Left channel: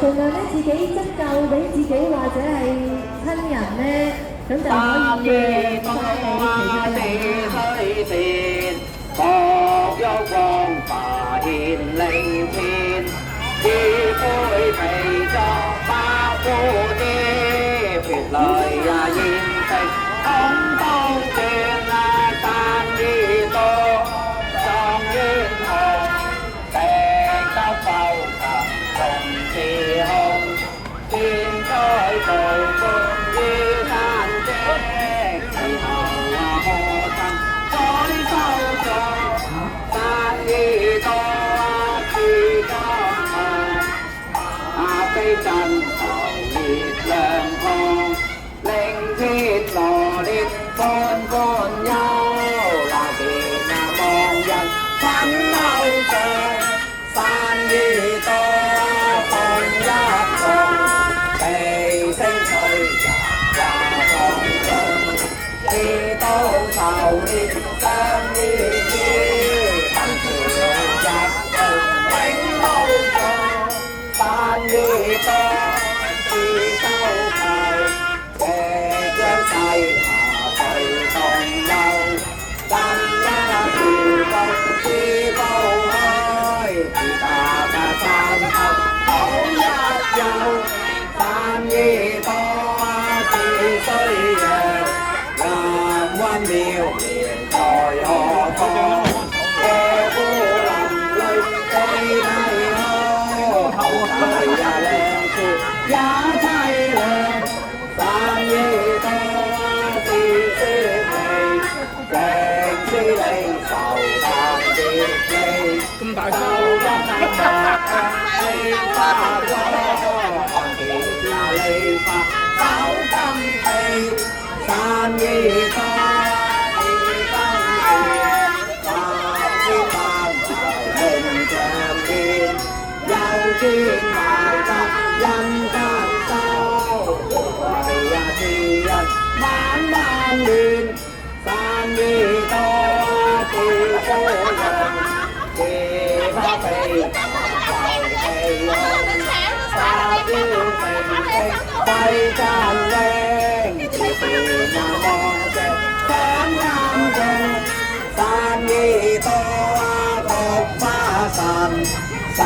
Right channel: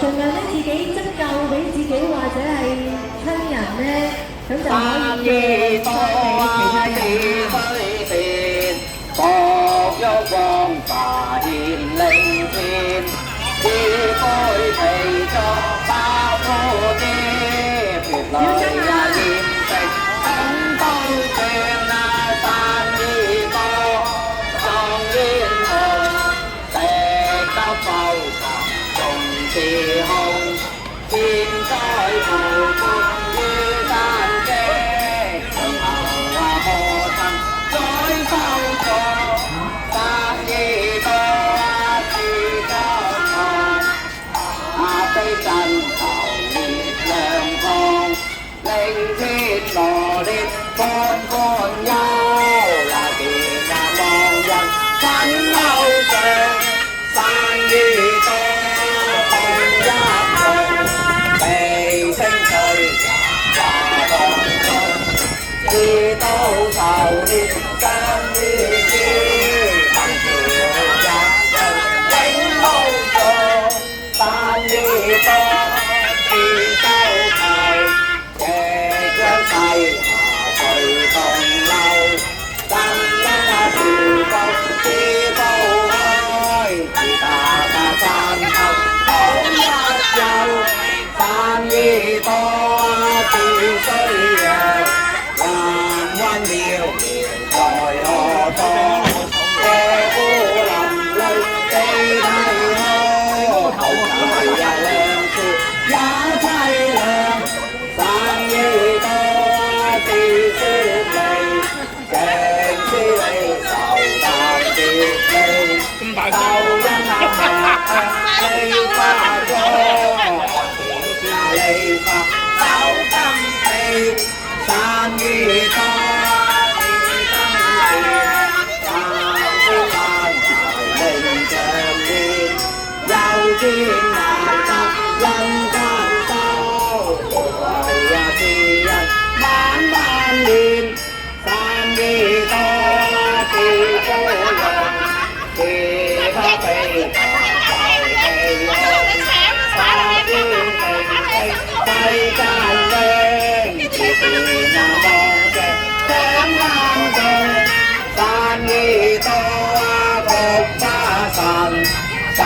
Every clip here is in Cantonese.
盡量咧自己執夠俾自己或者係親人咧，咁就可以讓俾其他人。各有光華顯靈天，只該被作百貨嘅別來呀驗證，東方轉啊生意多，狀元紅，石得浮沉重自控，天災無故於山脊，最後啊破陣再收復。真頭月亮光，令天羅列方方憂。那邊那望人分憂上，山雨多放一路，地聲吹也放縱，知道頭列山雨雨，分條入領路途。山雨多，自收齊，隻腳細下隨同流，真那條道自道開，自打山頭好一遊，山雨多自需弱，人溫妙在何方？野孤林裏地體開，後來也兩處也凄涼，山雨多自説明，正知你受大劫氣，咁大聲你花光，你發手金氣，山雨多自登月，萬萬名長面，又見萬法人間收，為呀是人萬萬年，山雨多自高人，自不避世間靚，自是那望着長眼睛，山雨多菊花神，稍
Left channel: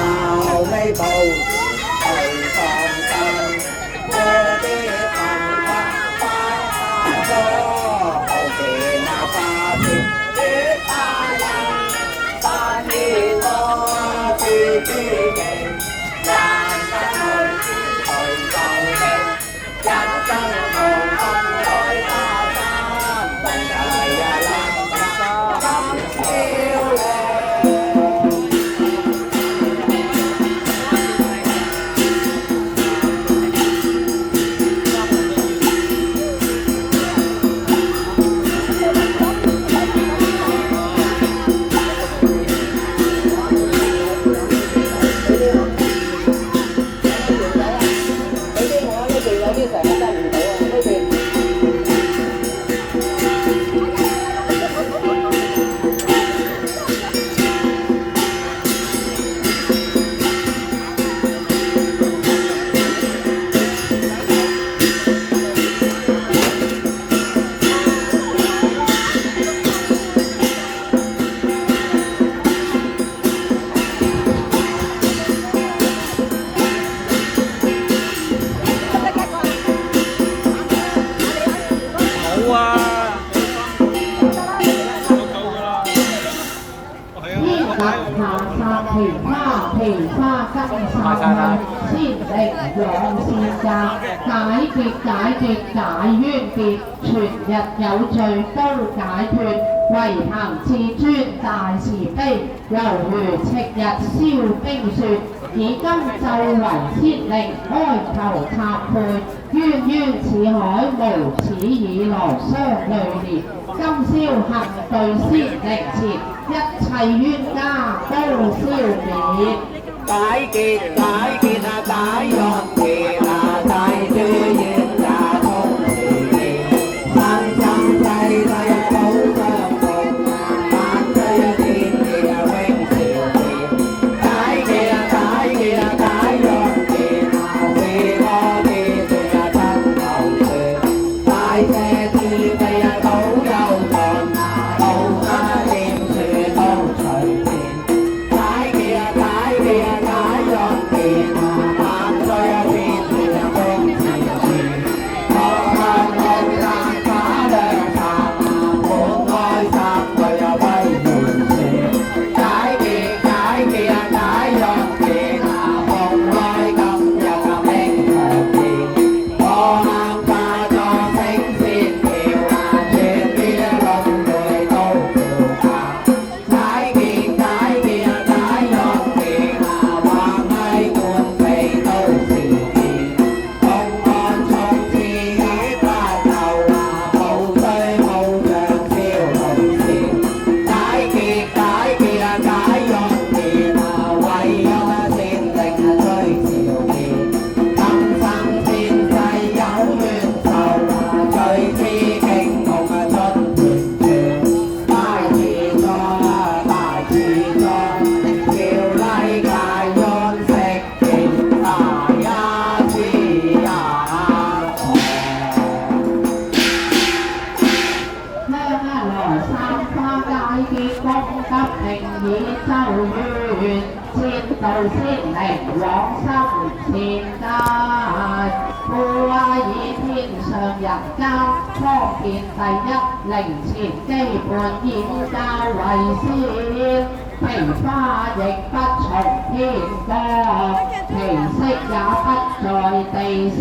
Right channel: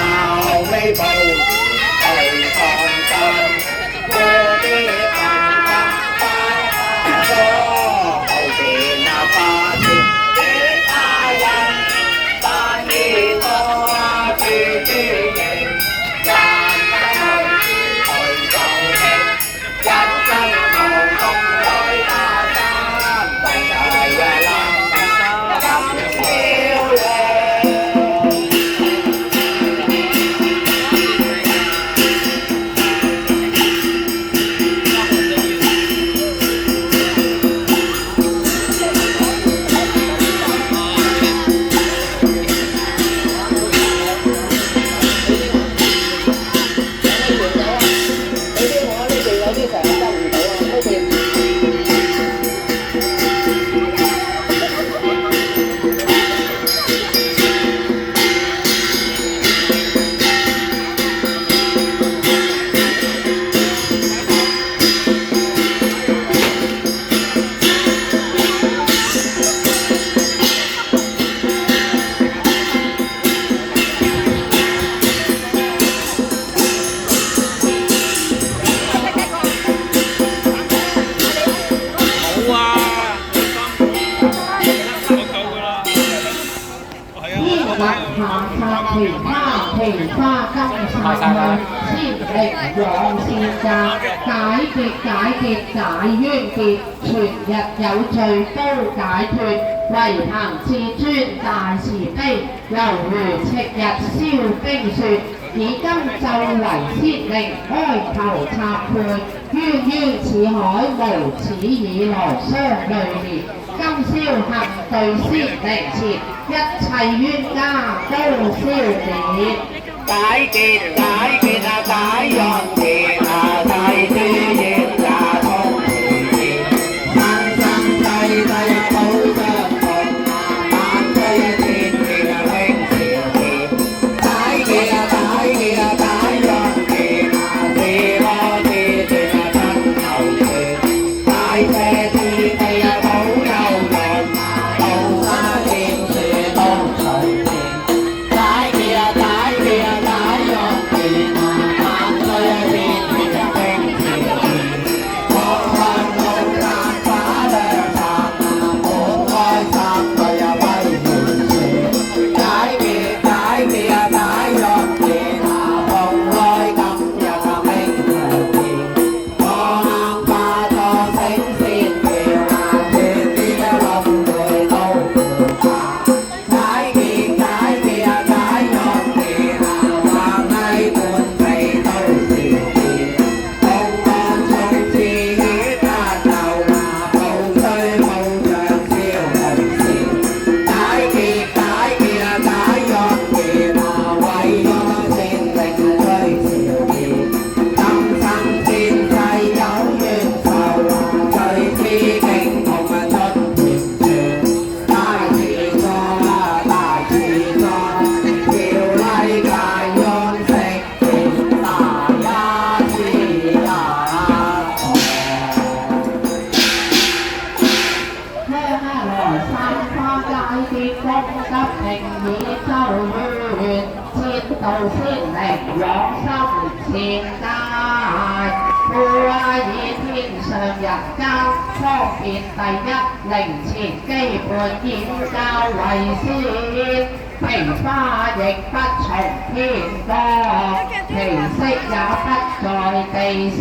微步去放心，過啲朋友快多，後邊那花田月花人，山雨多自知形，難得去就興，一更同共來打針，世界呀冷得咁漂亮。其他金沙向，先力養善責，解解冤結，全日有罪都解脫，唯行至尊大慈悲，猶如赤日燒冰雪，以金咒為先令，哀求懺悔，冤似海，無始以來相累連。今宵行對先靈前，一切冤家都消滅。解結啊解冤結啊解知冤啊通時，生生世世啊保相逢，萬歲天見啊永朝前。解結道先靈往心善解，故話以天上人間方便第一，靈前基本演教為先，其花亦不從天降，其色也不在地生，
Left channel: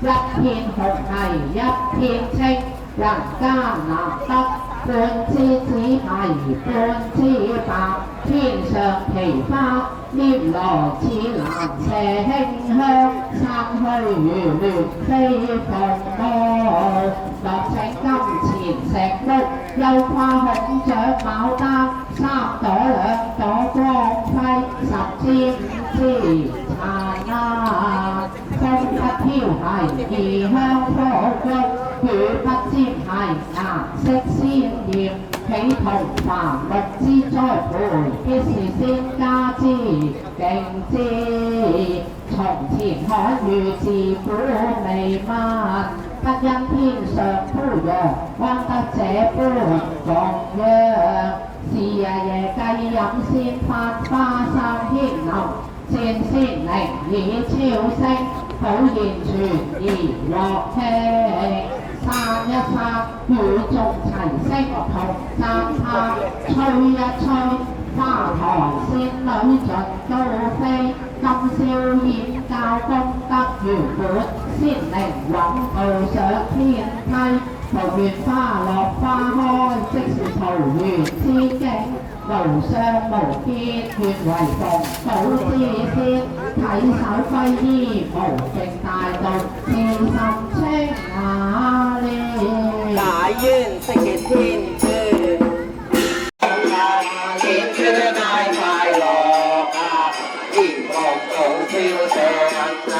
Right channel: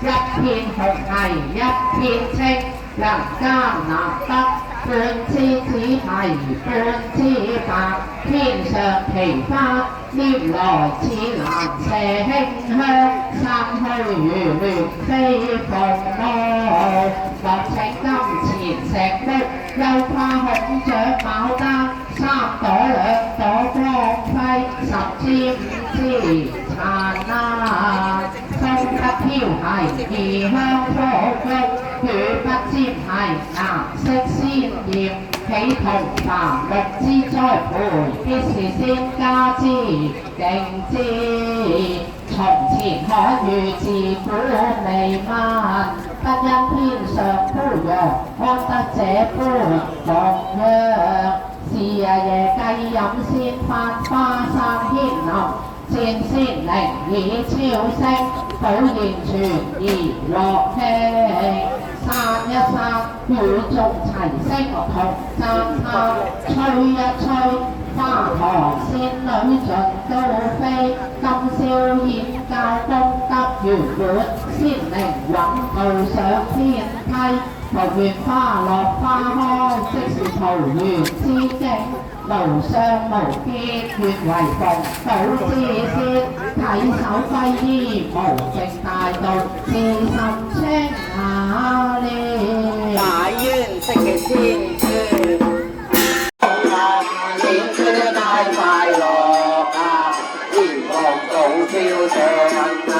一片紅係一片青，人間難得半枝子係半枝白，天上奇花拈來似蘭麝馨香，三虛如亂飛鳳舞，莫請金錢石屋，又怕孔雀牡丹，三朵兩朵光輝，十枝五枝殘爛，風不飄係異香火菊，雨不沾係顏色鮮豔，喜同繁綠之栽培，必是先家之敬之。從前可遇自古未聞，不因天上飄揚，安得這般頌揚。是日夜計飲鮮花，花散牽流，漸先靈以超升，好言傳而樂興。散一散，與眾齊聲同讚嘆，吹一吹，花台仙女盡都飛，今宵宴教功德圓滿，仙靈穩步上天梯，桃園花落花開，即是桃園之境，無相無別，願為逢島之先，體手歸依無淨大道，自心清雅了。大冤色嘅天尊，年初大快樂啊，炎黃早朝上啊，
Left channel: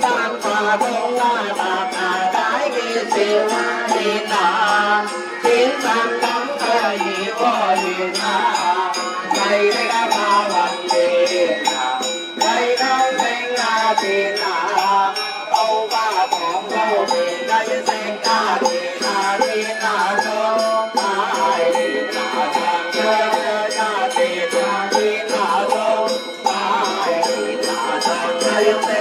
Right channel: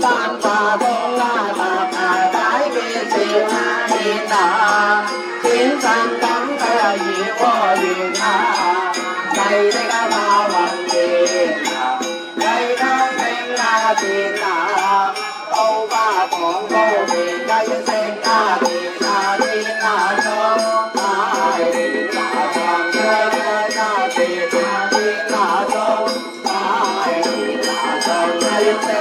三花中啊白啊，解決笑啊天啊，天生感嘅熱和緣啊，細的啊花雲天啊，細到升啊天啊，高花廣高邊計升啊天啊天啊中大天啊上張啊天啊天啊中大天啊上計升。